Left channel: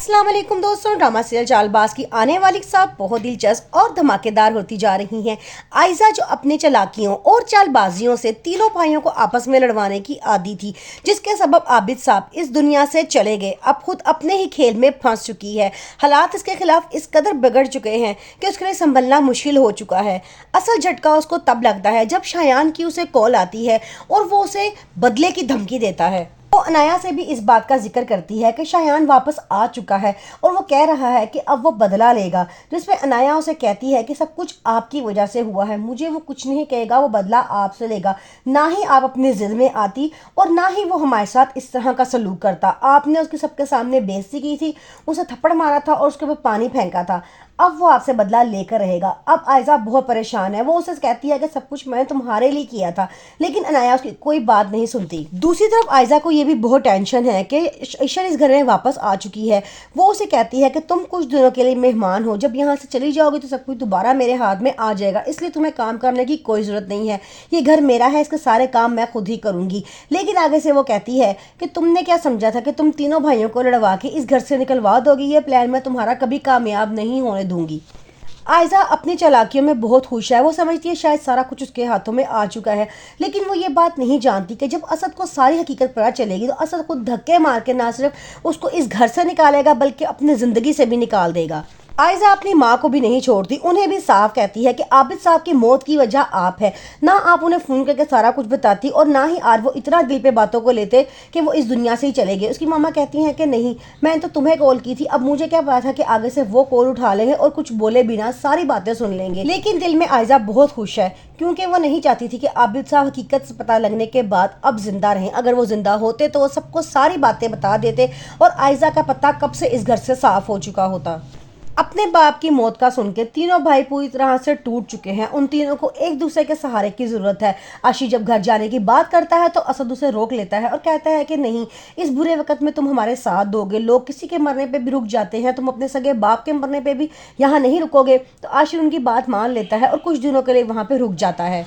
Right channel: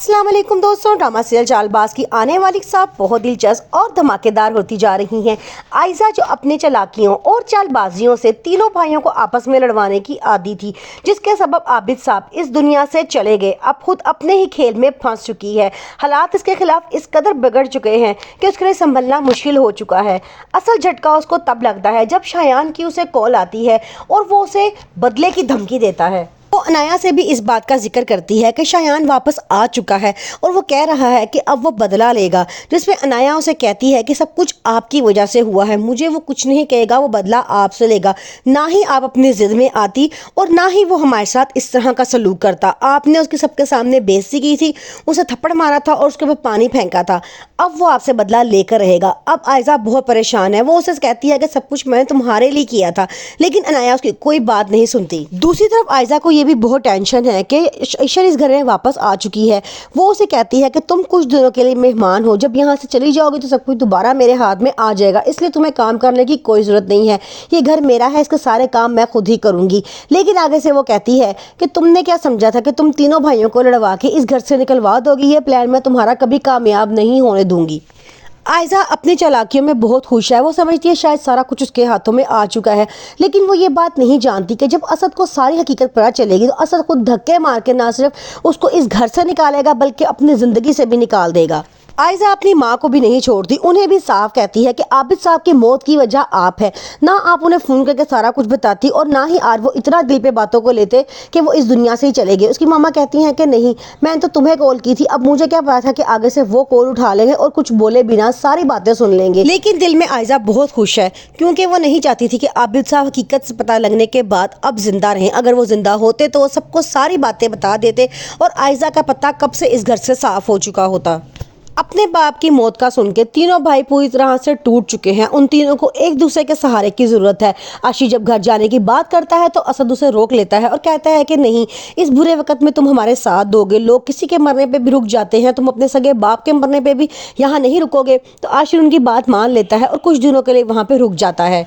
अस्सलाम वालेकुम दोस्तों, ड्रामा सीरियल चालबाज की आने वाली साहब बहुत दिलचस्प और धमाकेदार होती जा रही हैं। आयजा जो अपने चालाकियों और चालबाजियों से तीनों भाइयों को आपस में लड़वाने की आदी थी, जिसके सबब आबिद साहब इस दुनिया से चले गए, अब खुद अपने ही खेल में फंस चुकी है। हालात इसके खिलाफ इस कदर बिगड़ चुके हैं कि उसके लिए संभलना मुश्किल हो चुका है। असल झटका उसको तब लगता है जब शायान की उसे कॉल आती है और वो उसे बदले की धमकी देता है। वो अनाया से भी इस बात का जिक्र करती है कि शायान वापस आ चुका है और वो कह रहा है कि अब वो बदला लेगा, जिसमें अनाया उसे कहती है कि सब कुछ आपकी वजह से हुआ है, मुझे वो कुछ नहीं कहेगा, वो बदला आपसे लेगा। ना ही आप अपनी जिद में आती और ना ही वो हमारे साथ इस तरह का सलूक करता। आपने उसके सबके सामने बेइज्जती की थी, उसे थप्पड़ मारा था और उसके ऊपर पानी फेंका था। अब वो आपसे बदला लेकर रहेगा। अब आयजा बहुत परेशान है। वो उसे कहती है कि सब कुछ मैंने तुम्हारे लिए किया था, लेकिन अनाया उसकी कोई बात नहीं सुनती। दूसरी तरफ आयजा को ये भी बहुत टेंशन है कि ईशर इस घर में वापस आ चुकी है। वो उसे कहती है कि तुम कुछ दिनों के लिए मेहमान हो, जब यहाँ से चली जाओगी तो सब कुछ दोबारा मेरे हाथ में आ जाएगा, इसलिए तुम्हें काम करने की कोई ज़रूरत नहीं है। ये घर मेरा है, इसके सारे काम मैं खुद ही करूँगी। लेकिन आगे से वो कहती है कि तुमने क्या समझा था कि तुम तीनों भाइयों को लड़वा के इस घर से निकलवा दोगी? ये प्लान मैं तुम्हारा कभी कामयाब नहीं होने दूंगी। आयजा अपनी चालाकियों में बहुत खुश है। वो समझती है शायद सारा कुछ उसके हाथों में आ चुका है, लेकिन वो ये बात नहीं जानती कि जब असद को सारी हकीकत पता चलेगी तो असद को धक्के मार के ना सिर्फ उसको इस घर से निकालेगा बल्कि अपनी ज़िंदगी से भी निकाल देगा। आयजा अपनी माँ को भी नहीं छोड़ती, उन्हें भी साफ कहती है कि आबिद साहब की मौत की वजह आप है। ना आप उन्हें फ़ोन करके सारा कुछ बताती और ना ही आज वो इतना दिल पे बातों को लेते कि वो इस दुनिया से ही चले गए। उसकी मामा कहती हैं कि नहीं, मैंने तो तुम्हें कॉल की थी, अब मुझे क्या पता था कि आगे से वो कॉल उठा लेंगे और कुछ बोले बिना सारी बातें सुन लेंगे। लेकिन दिल में आयजा बहुत खुश है, क्योंकि वो नहीं चाहती थी कि आबिद साहब हकीकत से पता लगने के बाद अब जिंदा रहें। अगर वो जिंदा होते तो वो सबको सारी बातें बता देते और आयजा का पता कब से इस घर से साफ हो चुका होता। अपने बाप की मौत का सुन के तीनों भाई पूरी तरह से टूट चुके हैं। उन तीनों को एक दूसरे के सहारे की जरूरत है। अर्शी जब घर जाने की बात करता है तो असद उसे रोक लेता है और कहता है कि नहीं, इस बुरे वक्त में तुम हमारे साथ दोगे। लोग किसी के मरने पे भी रुक जाते हैं, तुम अपने सगे बाप के मरने पे भी यहाँ नहीं रुकोगे। तो अर्शी उनकी बात मान लेता है और कुछ दिनों के लिए वहाँ पे रुक जाता है।